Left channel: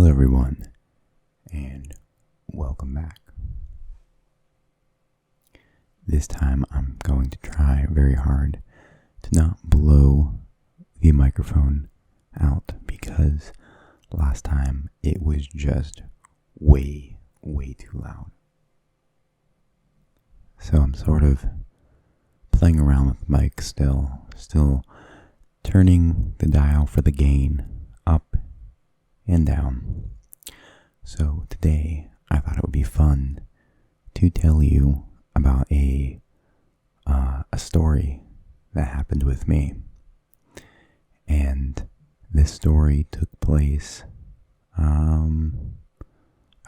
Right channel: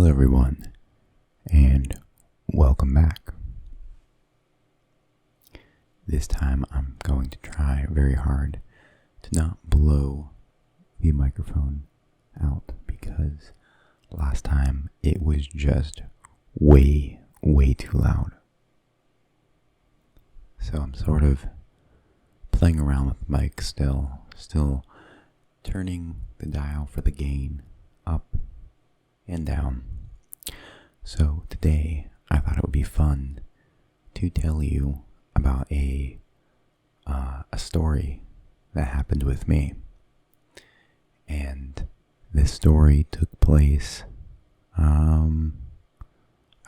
Hello, everyone, and welcome back. This time I'm going to try very hard to not blow the microphone out because last time it was just way too loud. So I'm sort of playing around with the mic still turning the dial for the gain up and down. So today I thought it would be fun to tell you about a story that happened with me. And this story took place, I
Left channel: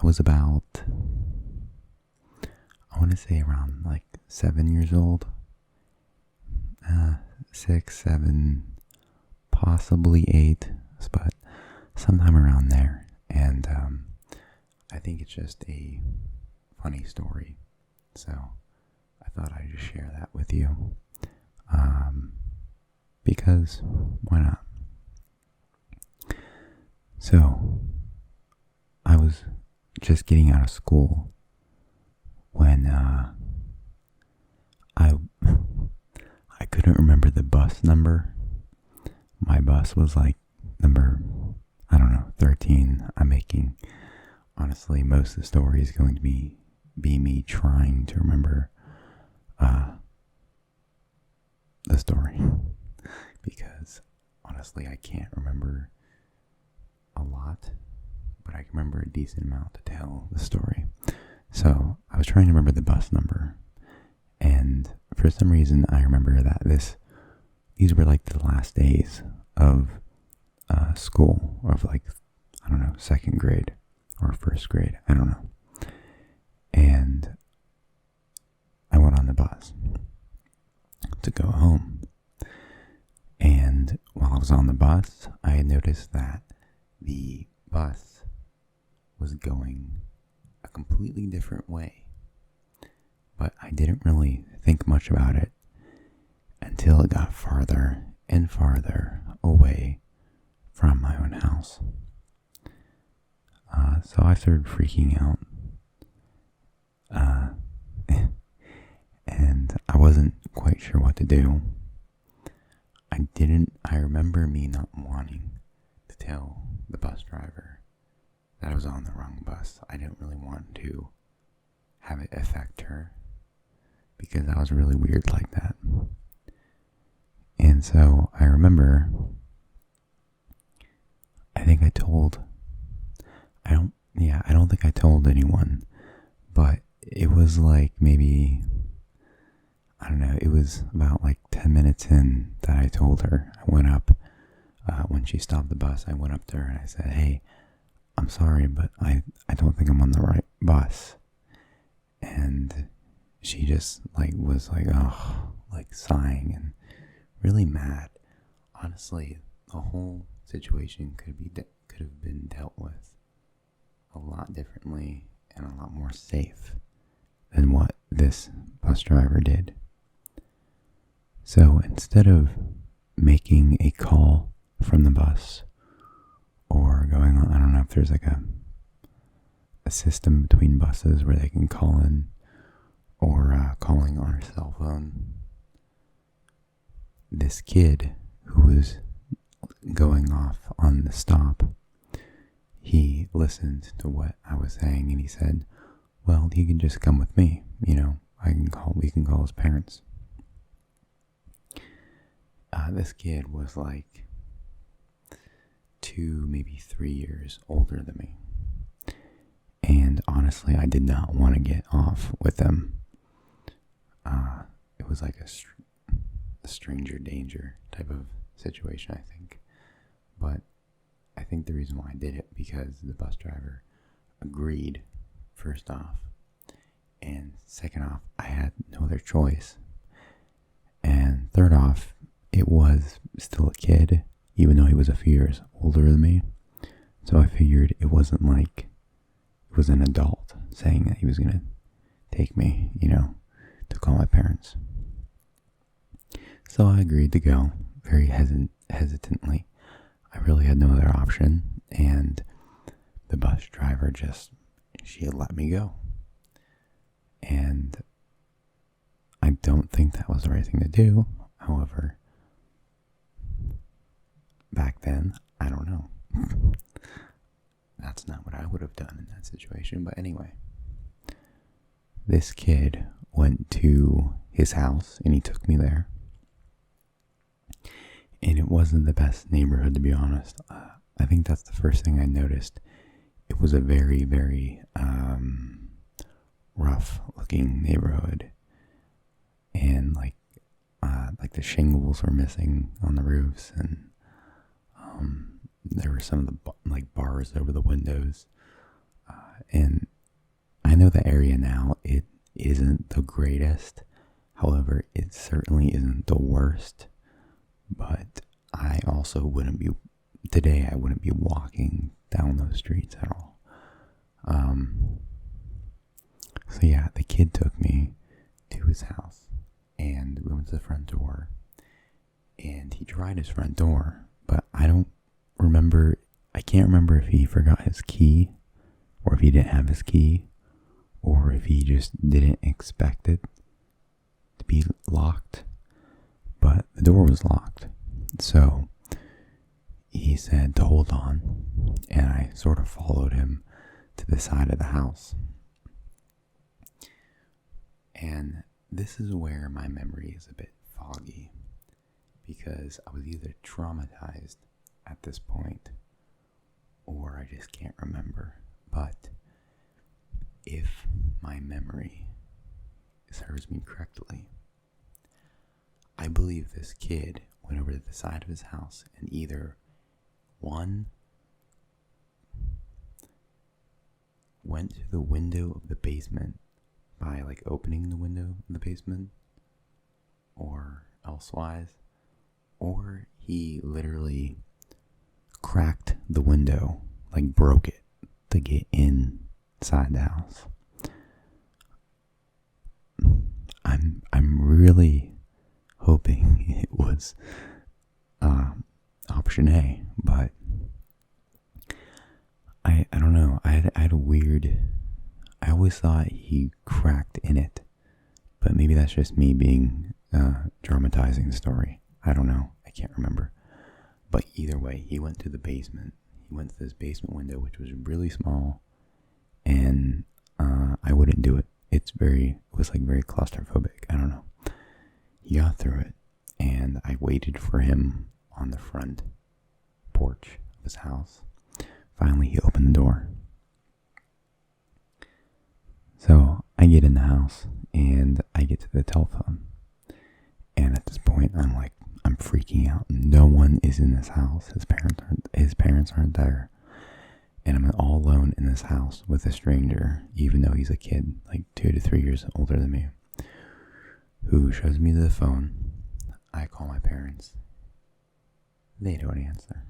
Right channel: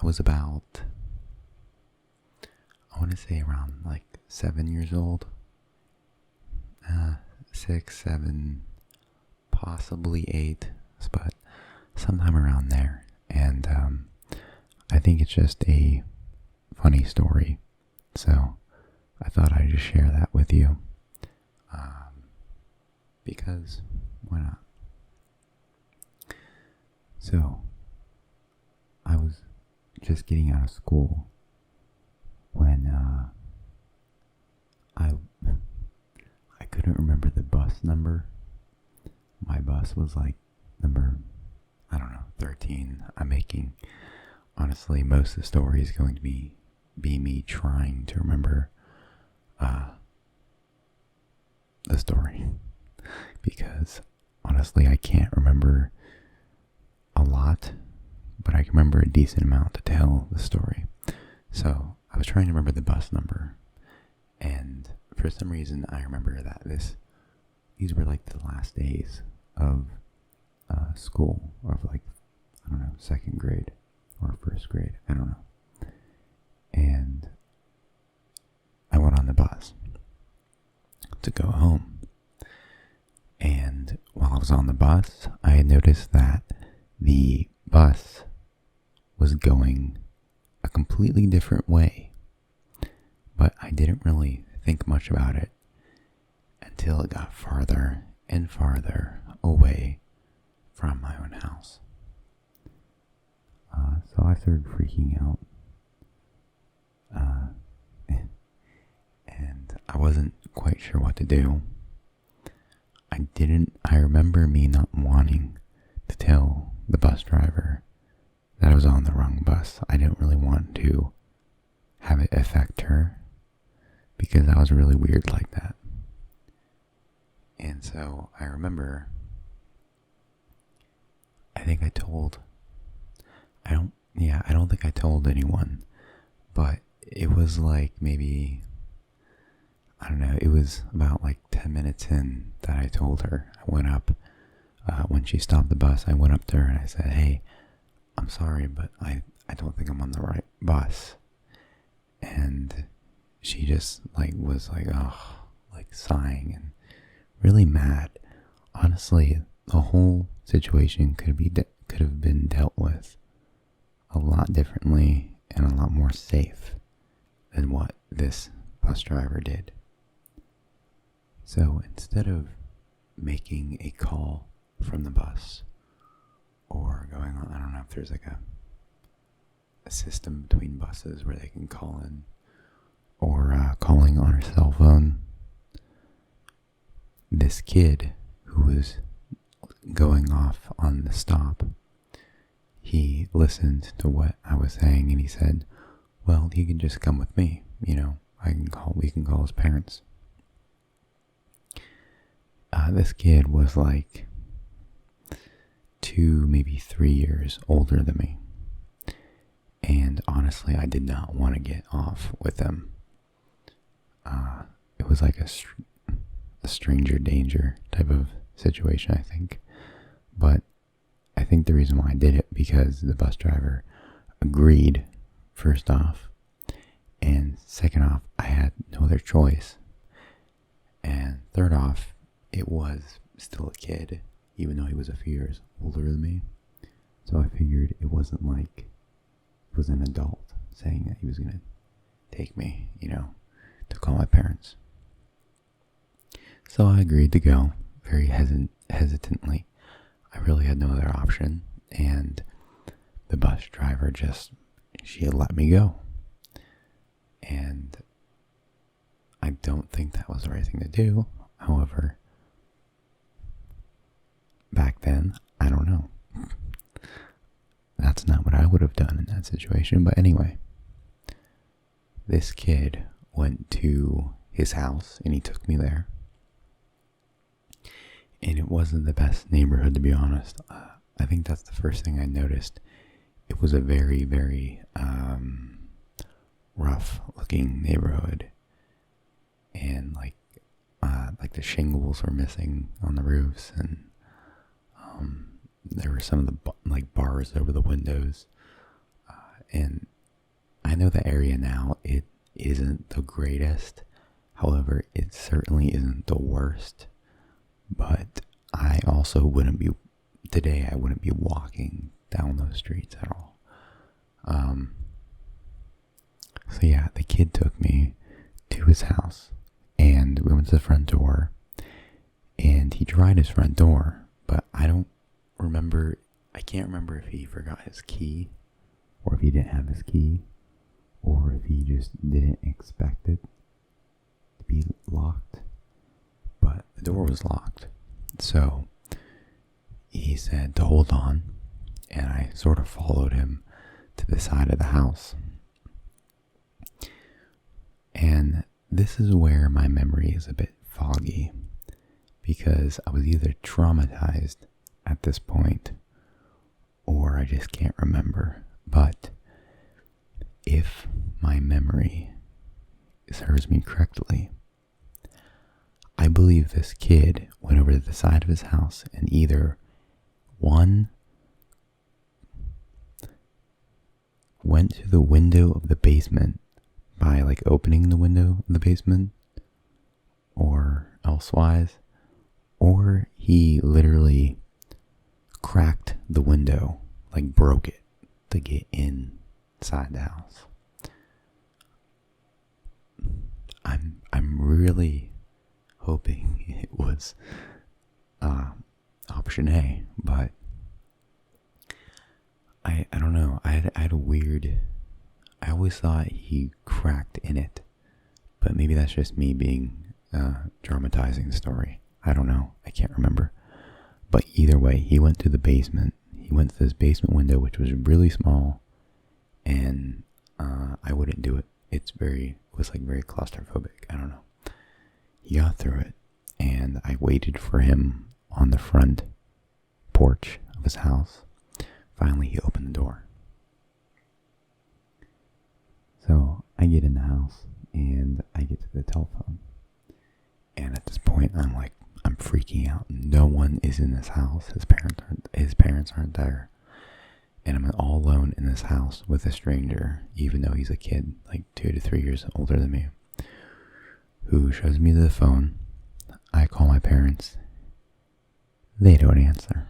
was about, I want to say around like 7 years old. 6, 7, possibly 8, but sometime around there. And I think it's just a funny story. So I thought I'd just share that with you. Because why not? So I was just getting out of school when I couldn't remember the bus number. My bus was like number, 13. I'm making, honestly, most of the story is going to be me trying to remember the story. Because, honestly, I can't remember a lot, but I can remember a decent amount to tell the story. So, I was trying to remember the bus number, and for some reason, I remember that these were like the last days of school, of like, second grade or first grade, I don't know. And I went on the bus to go home. And while I was on the bus, I had noticed that the bus was going a completely different way. But I didn't really think much about it until it got farther and farther away from my own house. So I started freaking out. And I wasn't quite sure what to do. I remember me not wanting to tell the bus driver that I was on the wrong bus. I didn't really want to have it affect her because I was really weird like that. And so I remember, I don't think I told anyone, but it was like maybe, it was about like 10 minutes in that I told her. I went up, when she stopped the bus, I went up to her and I said, "Hey, I'm sorry, but I don't think I'm on the right bus." And she just was sighing and really mad. Honestly, the whole situation could have been dealt with a lot differently and a lot more safe than what this bus driver did. So instead of making a call from the bus or going on, I don't know if there's like a system between buses where they can call in, or calling on her cell phone, this kid who was going off on the stop, he listened to what I was saying and he said, "Well, he can just come with me, we can call his parents." This kid was like 2, maybe 3 years older than me. And honestly, I did not want to get off with him. It was like a stranger danger type of situation, I think. But I think the reason why I did it because the bus driver agreed, first off. And second off, I had no other choice. And third off, it was still a kid, even though he was a few years older than me. So I figured it wasn't like it was an adult saying that he was going to take me, to call my parents. So I agreed to go, very hesitantly. I really had no other option, and bus driver she had let me go. And I don't think that was the right thing to do. However, back then, I don't know. That's not what I would have done in that situation. But anyway, this kid went to his house and he took me there. And it wasn't the best neighborhood, to be honest. I think that's the first thing I noticed. It was a very, very rough looking neighborhood. And like the shingles were missing on the roofs, and there were some of the bars over the windows. And I know the area now, it isn't the greatest. However, it certainly isn't the worst. But I also I wouldn't be walking down those streets at all. So yeah, the kid took me to his house, and we went to the front door, and he tried his front door, but I can't remember if he forgot his key, or if he didn't have his key, or if he just didn't expect it to be locked. But the door was locked. So he said to hold on, and I sort of followed him to the side of the house. And this is where my memory is a bit foggy, because I was either traumatized at this point or I just can't remember. But if my memory serves me correctly, I believe this kid went over to the side of his house and either went to the window of the basement by opening the window of the basement, or elsewise, or he literally cracked the window, broke it to get inside the house. I'm really hoping it was option A, but I don't know. I had a weird. I always thought he cracked in it, but maybe that's just me being dramatizing the story. I don't know. I can't remember. But either way, he went to the basement. He went to this basement window, which was really small, and I wouldn't do it. It was very claustrophobic. I don't know. He got through it, and I waited for him on the front porch of his house. Finally, he opened the door. So I get in the house, and I get to the telephone. And at this point, I'm freaking out. No one is in this house. His parents aren't there. And I'm all alone in this house with a stranger, even though he's a kid, 2 to 3 years older than me, who shows me the phone. I call my parents. They don't answer.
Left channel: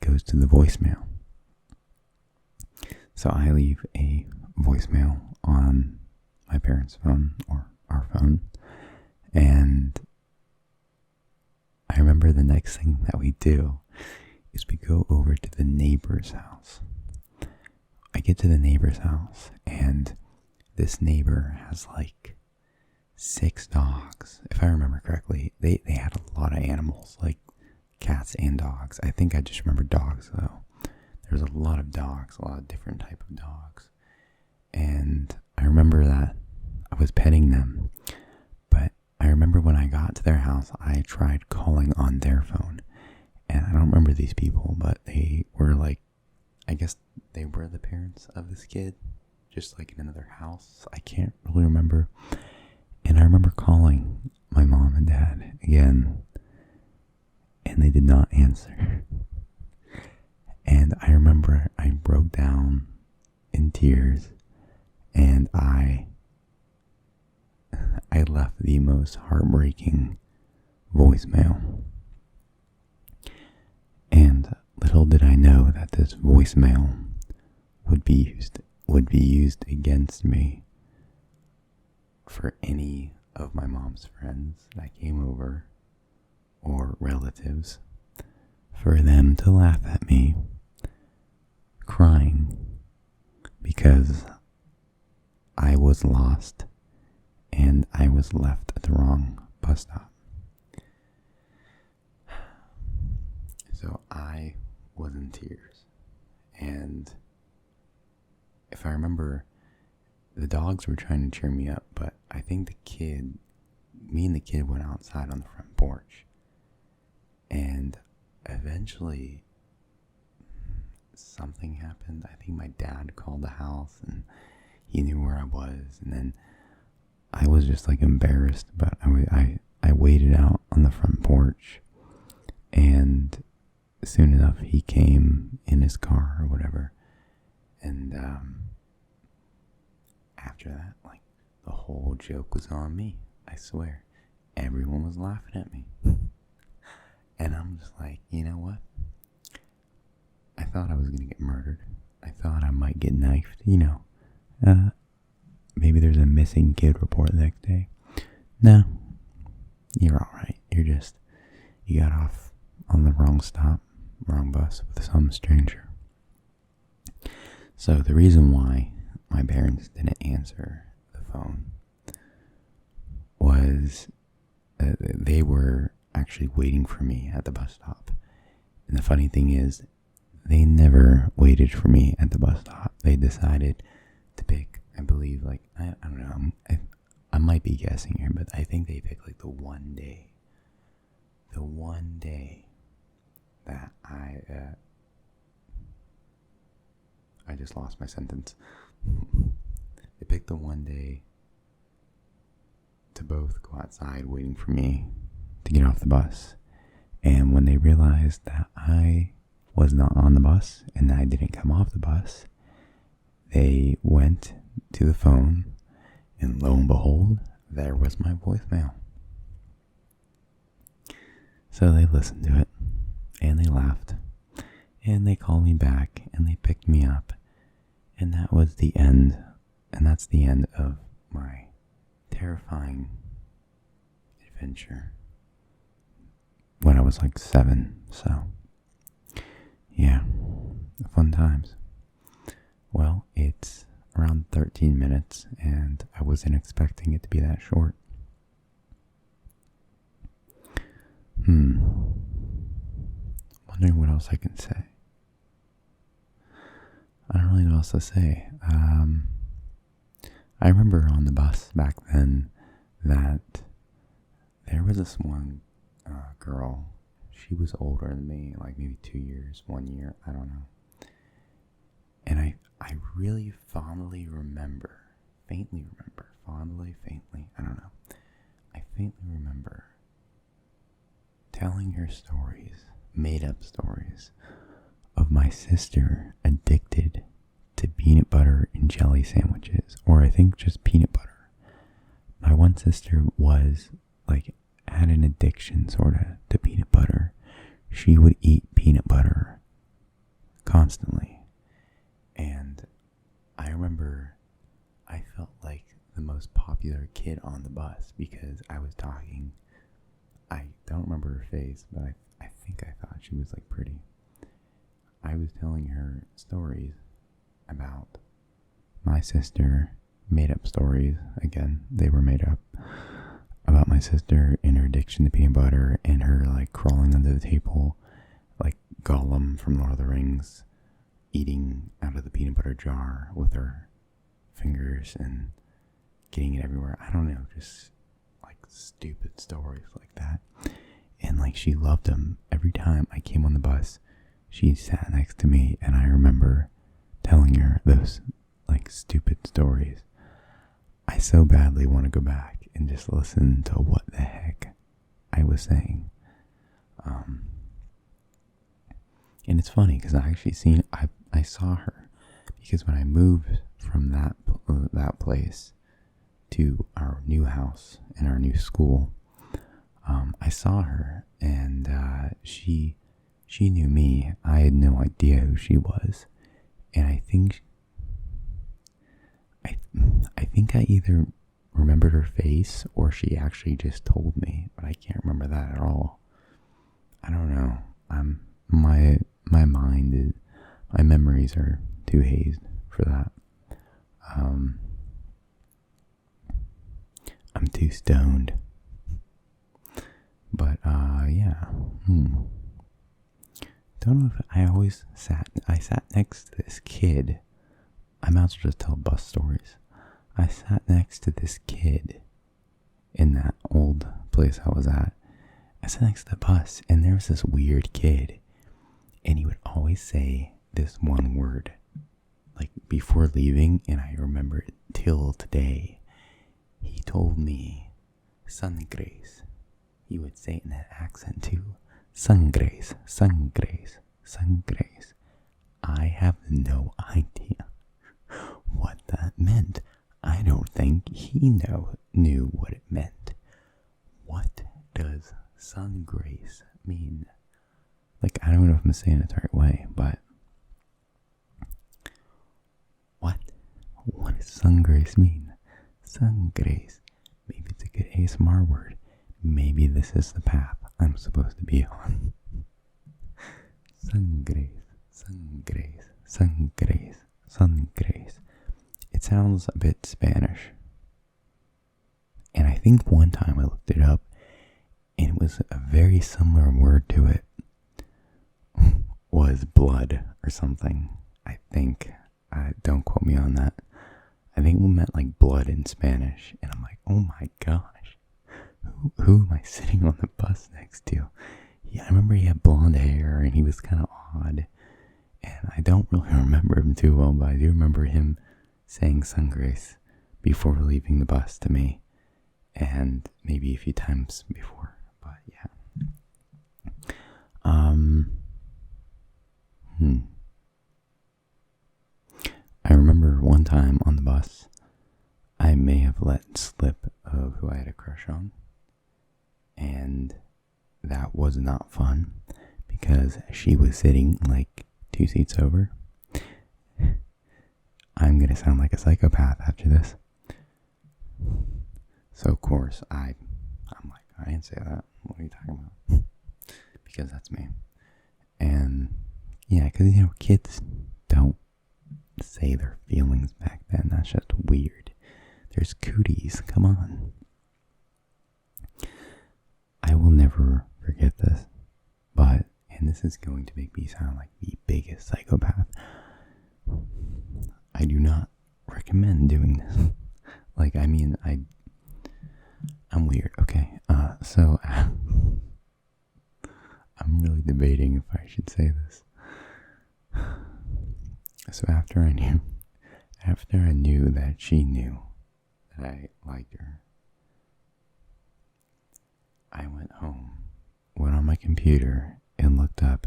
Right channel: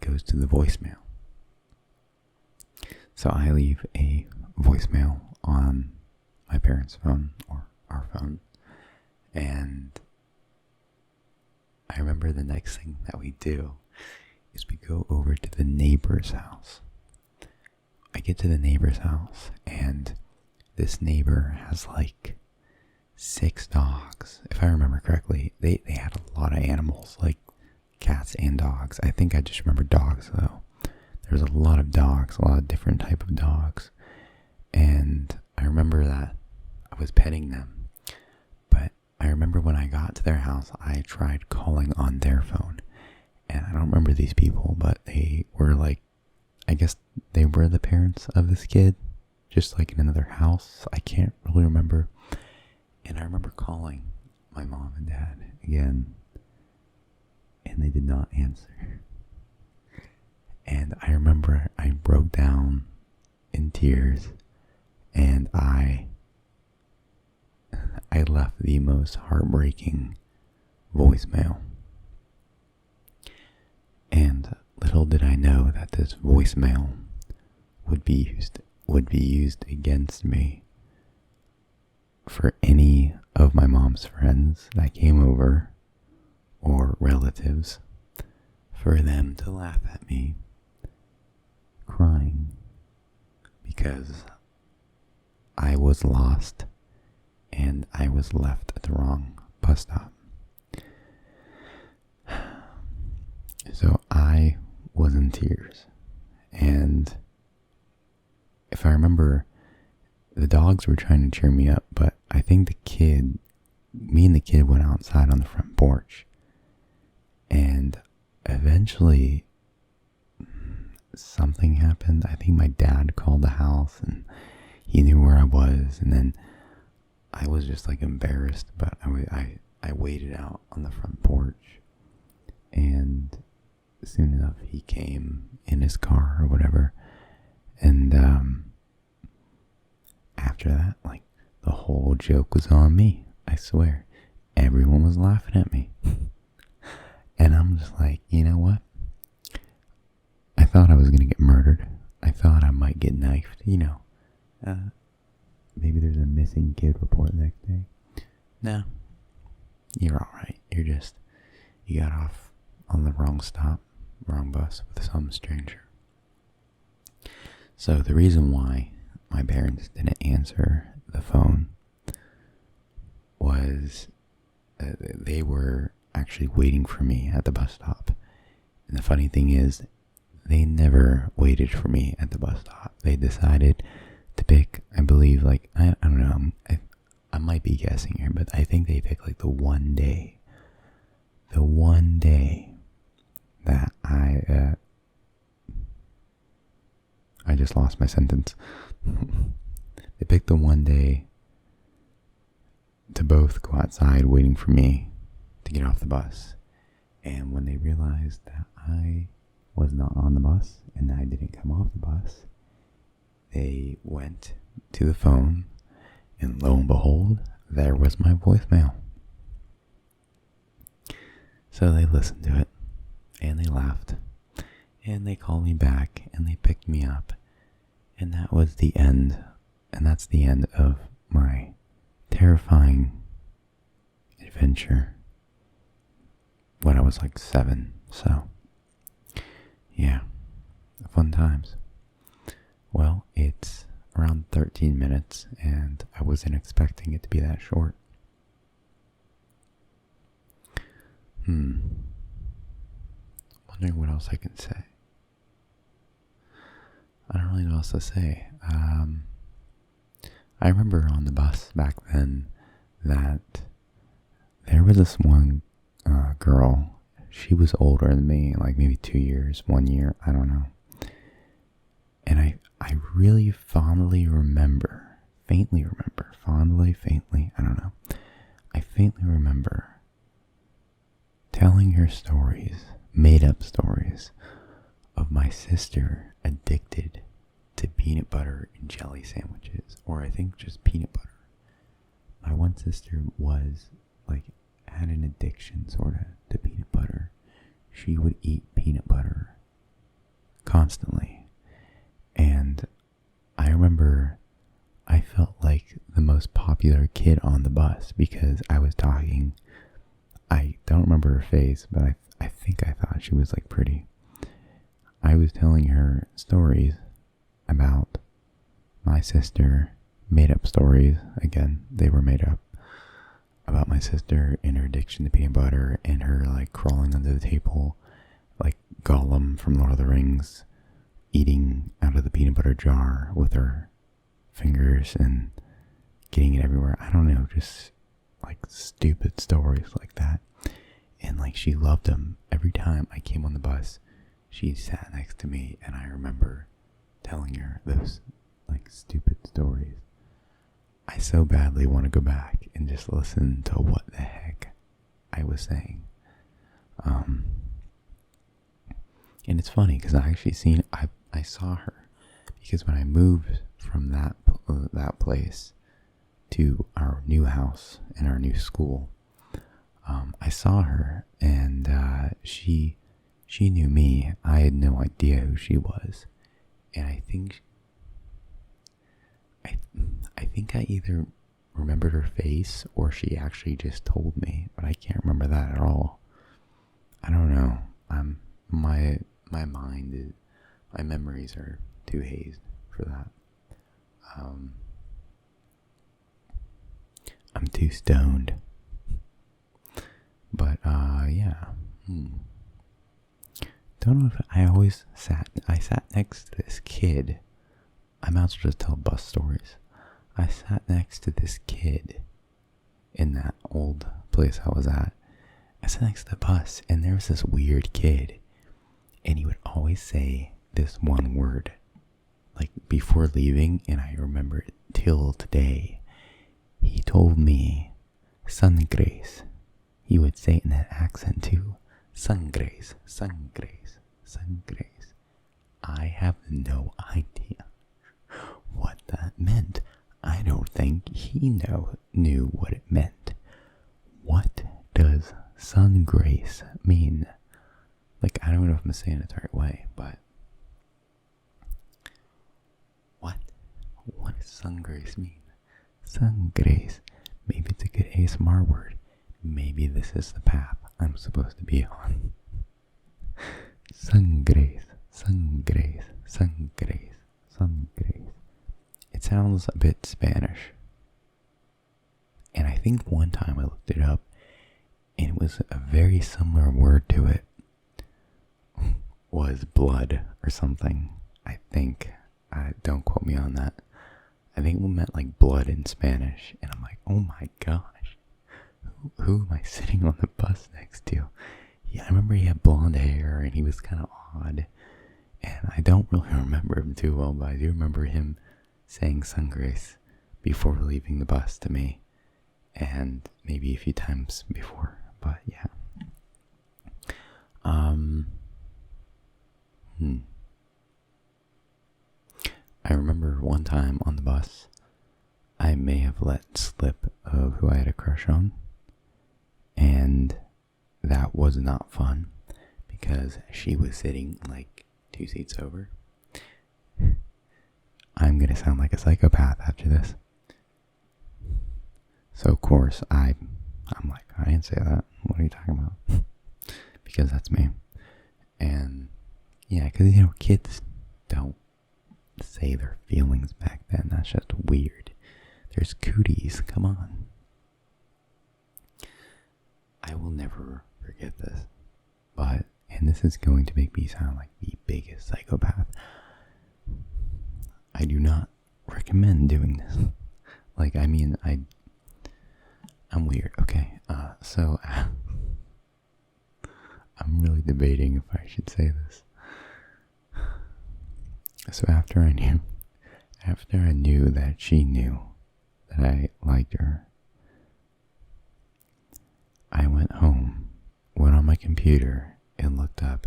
Goes to the voicemail. So I leave a voicemail on my parents' phone, or our phone, and I remember the next thing that we do is we go over to the neighbor's house. I get to the neighbor's house, and this neighbor has 6 dogs. If I remember correctly, they had a lot of animals, cats and dogs. I think I just remember dogs, though. There was a lot of dogs, a lot of different type of dogs. And I remember that I was petting them. But I remember when I got to their house, I tried calling on their phone. And I don't remember these people, but they were I guess they were the parents of this kid, just in another house. I can't really remember. And I remember calling my mom and dad again, and they did not answer. And I remember I broke down in tears, and I left the most heartbreaking voicemail. And little did I know that this voicemail would be used against me for any of my mom's friends that came over, or relatives, for them to laugh at me crying because I was lost and I was left at the wrong bus stop. So I was in tears. And if I remember, the dogs were trying to cheer me up, but I think me and the kid went outside on the front porch. And eventually something happened. I think my dad called the house and he knew where I was. And then I was just like embarrassed, but I waited out on the front porch. And soon enough, he came in his car or whatever. And after that, like, the whole joke was on me. I swear. Everyone was laughing at me. And I'm just like, you know what? I thought I was going to get murdered. I thought I might get knifed, maybe there's a missing kid report the next day. No, you're alright. You got off on the wrong stop, wrong bus with some stranger. So the reason why my parents didn't answer the phone was they were actually waiting for me at the bus stop. And the funny thing is, they never waited for me at the bus stop. They decided to pick, I believe, like, I don't know, I might be guessing here, but I think they picked like the one day that I just lost my sentence. They picked the one day to both go outside waiting for me to get off the bus. And when they realized that I was not on the bus and I didn't come off the bus, they went to the phone, and lo and behold, there was my voicemail. So they listened to it, and they laughed, and they called me back, and they picked me up, and that was the end, and that's the end of my terrifying adventure when I was like 7, so yeah, fun times. Well, it's around 13 minutes, and I wasn't expecting it to be that short. Wondering what else I can say. I don't really know what else to say. I remember on the bus back then that there was this one girl. She was older than me, like maybe 2 years, 1 year, I don't know. And I really faintly remember, I don't know. I faintly remember telling her stories, made up stories, of my sister addicted to peanut butter and jelly sandwiches, or I think just peanut butter. My one sister was like, had an addiction sort of to peanut butter. She would eat peanut butter constantly. And I remember I felt like the most popular kid on the bus because I was talking. I don't remember her face, but I think I thought she was like pretty. I was telling her stories about my sister, made up stories. Again, they were made up. About my sister and her addiction to peanut butter and her like crawling under the table like Gollum from Lord of the Rings, eating out of the peanut butter jar with her fingers and getting it everywhere. I don't know, just like stupid stories like that. And like she loved them. Every time I came on the bus, she sat next to me, and I remember telling her those like stupid stories. I so badly want to go back and just listen to what the heck I was saying. And it's funny because I saw her because when I moved from that place to our new house and our new school, I saw her, and she knew me. I had no idea who she was, and I think I either remembered her face or she actually just told me, but I can't remember that at all. I don't know. My My memories are too hazed for that. I'm too stoned. But, yeah. Don't know if I sat next to this kid. I might as well just tell bus stories. I sat next to this kid in that old place I was at. I sat next to the bus, and there was this weird kid, and he would always say this one word, like before leaving, and I remember it till today. He told me, "Sangres." He would say it in that accent too. Sangres, sangres, sangres. I have no idea what that meant. I don't think he knew what it meant. What does sun grace mean? Like, I don't know if I'm saying it the right way, but what does sun grace mean? Sun grace. Maybe it's a good ASMR word. Maybe this is the path I'm supposed to be on. Sun grace, sun grace, sun grace, sun grace. It sounds a bit Spanish. And I think one time I looked it up, and it was a very similar word to it. Was blood or something. I think. Don't quote me on that. I think we meant like blood in Spanish. And I'm like, oh my gosh. Who am I sitting on the bus next to? Yeah, I remember he had blonde hair and he was kind of odd. And I don't really remember him too well, but I do remember him saying sangres before leaving the bus to me. And maybe a few times before, but yeah. I remember one time on the bus, I may have let slip of who I had a crush on, and that was not fun because she was sitting like 2 seats over. I'm gonna sound like a psychopath after this. So of course I'm like, I didn't say that. What are you talking about? Because that's me. And yeah, because kids don't say their feelings back then. That's just weird. There's cooties. Come on. I will never forget this. And this is going to make me sound like the biggest psychopath. I do not recommend doing this. Like, I mean, I'm weird, okay? So I'm really debating if I should say this. So after I knew that she knew that I liked her, I went home, went on my computer, and looked up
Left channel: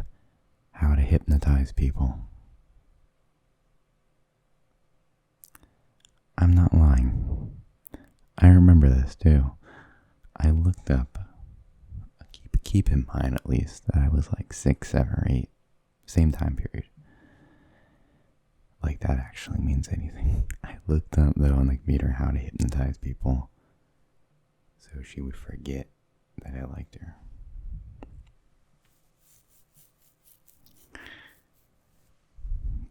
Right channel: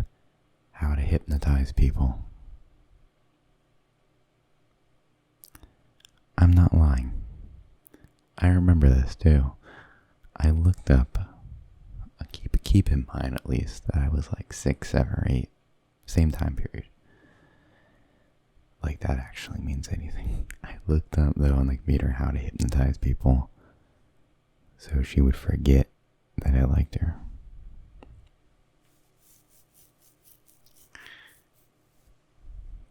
how to hypnotize people. I'm not lying. I remember this too. I looked up, keep in mind at least, that I was like 6, 7, or 8, same time period. Like that actually means anything. I looked up though on the computer how to hypnotize people so she would forget that I liked her.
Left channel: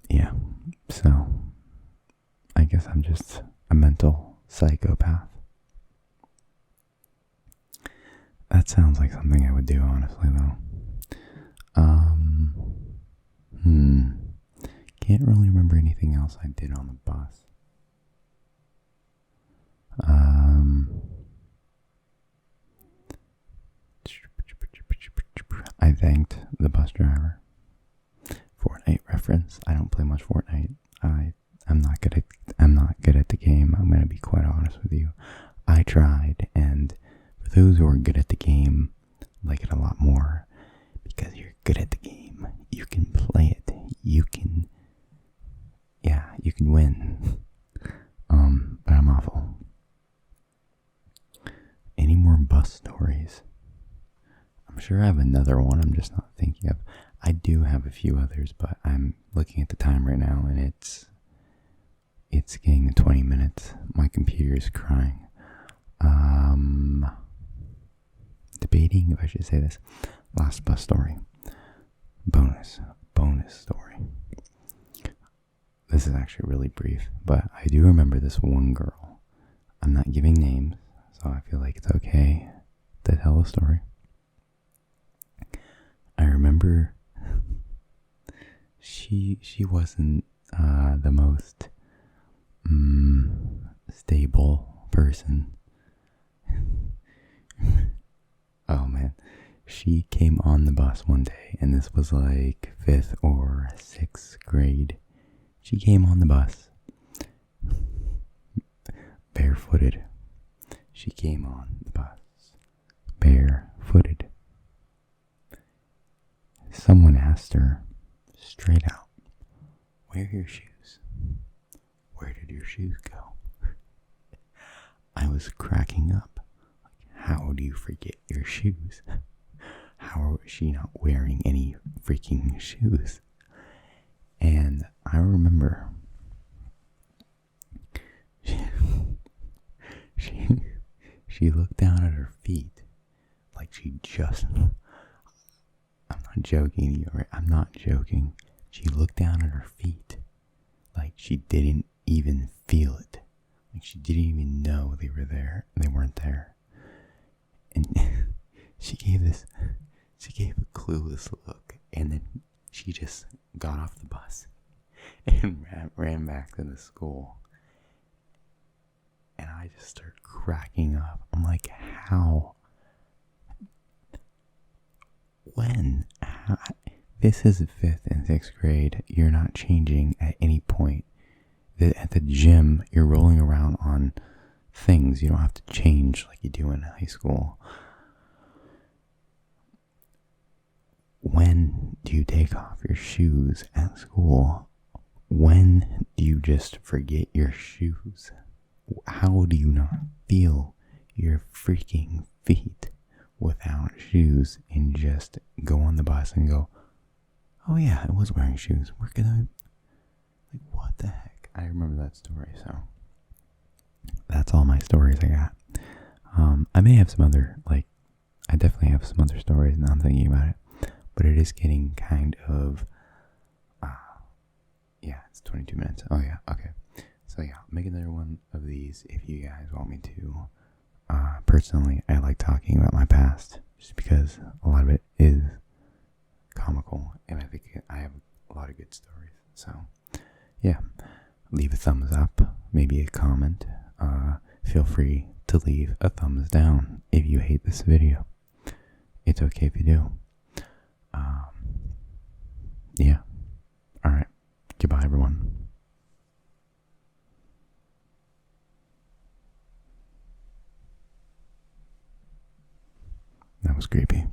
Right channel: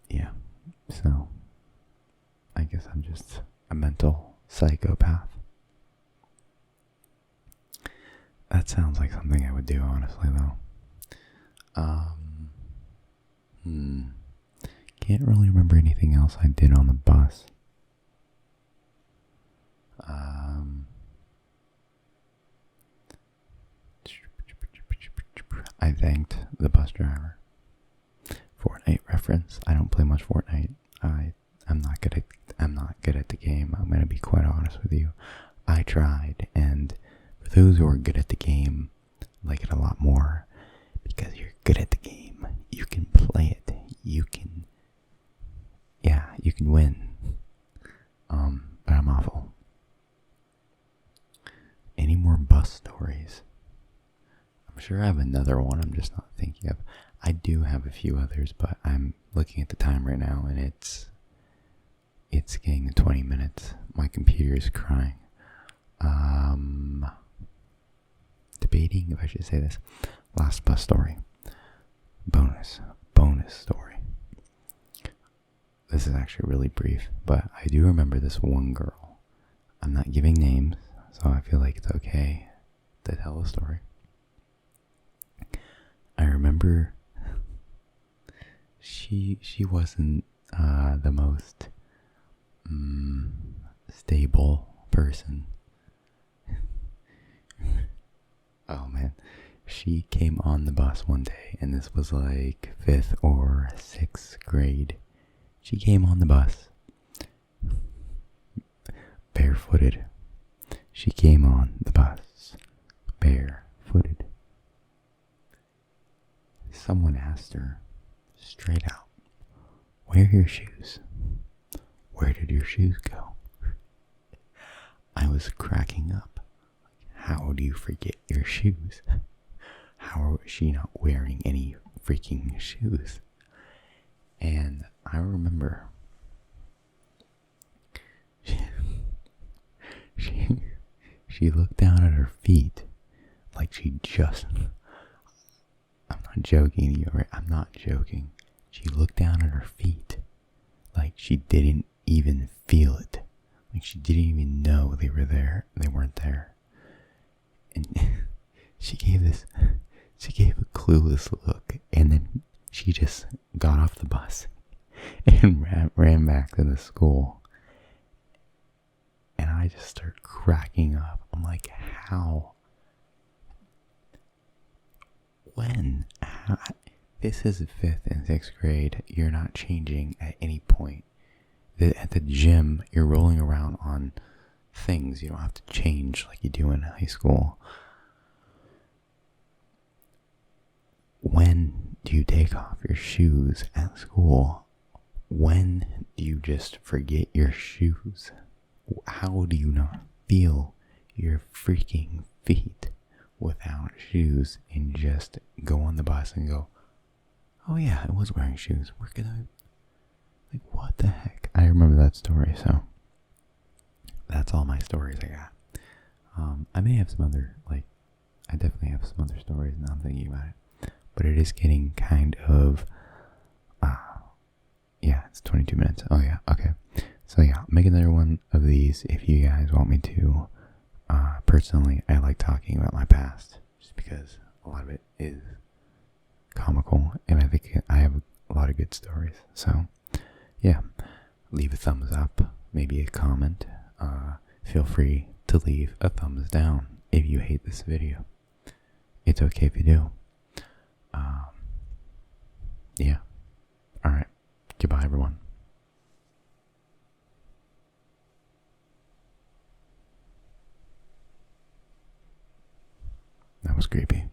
Yeah, so I guess I'm just a mental psychopath. That sounds like something I would do, honestly, though. Can't really remember anything else I did on the bus. I thanked the bus driver. Fortnite reference. I don't play much Fortnite. I'm not good at the game. I'm gonna be quite honest with you. I tried, and for those who are good at the game, like it a lot more, because you're good at the game. You can play it. You can win. But I'm awful. Any more bus stories? I'm sure I have another one. I'm just not thinking of. I do have a few others, but I'm looking at the time right now, and it's getting to 20 minutes. My computer is crying. Debating if I should say this. Last bus story. Bonus story. this is actually really brief, but I do remember this one girl. I'm not giving names, so I feel like it's okay to tell a story. I remember she wasn't the most stable person. Oh man, she came on the bus one day, and this was like 5th or 6th grade. She came on the bus barefooted. She came on the bus barefooted. Someone asked her straight out, "Where are your shoes? Where did your shoes go?" I was cracking up. How do you forget your shoes? How is she not wearing any freaking shoes? And I remember she looked down at her feet like she just, I'm not joking to you, right? I'm not joking. She looked down at her feet like she didn't even feel it. Like she didn't even know they were there. They weren't there. And she gave a clueless look, and then she just got off the bus and ran back to the school. And I just started cracking up. I'm like, how? When? How? This is 5th and 6th grade. You're not changing at any point. At the gym, you're rolling around on things. You don't have to change like you do in high school. When do you take off your shoes at school? When do you just forget your shoes? How do you not feel your freaking feet without shoes and just go on the bus and go, "Oh yeah, I was wearing shoes. We're gonna," like, what the heck? I remember that story, so that's all my stories I got. I may have some other, I definitely have some other stories now I'm thinking about it, but it is getting kind of, yeah, it's 22 minutes. Oh yeah, okay. So yeah, I'll make another one of these if you guys want me to. Personally, I like talking about my past just because a lot of it is comical, and I think I have a lot of good stories. So yeah, leave a thumbs up, maybe a comment. Feel free to leave a thumbs down if you hate this video. It's okay if you do. Yeah. Alright. Goodbye, everyone. That was creepy.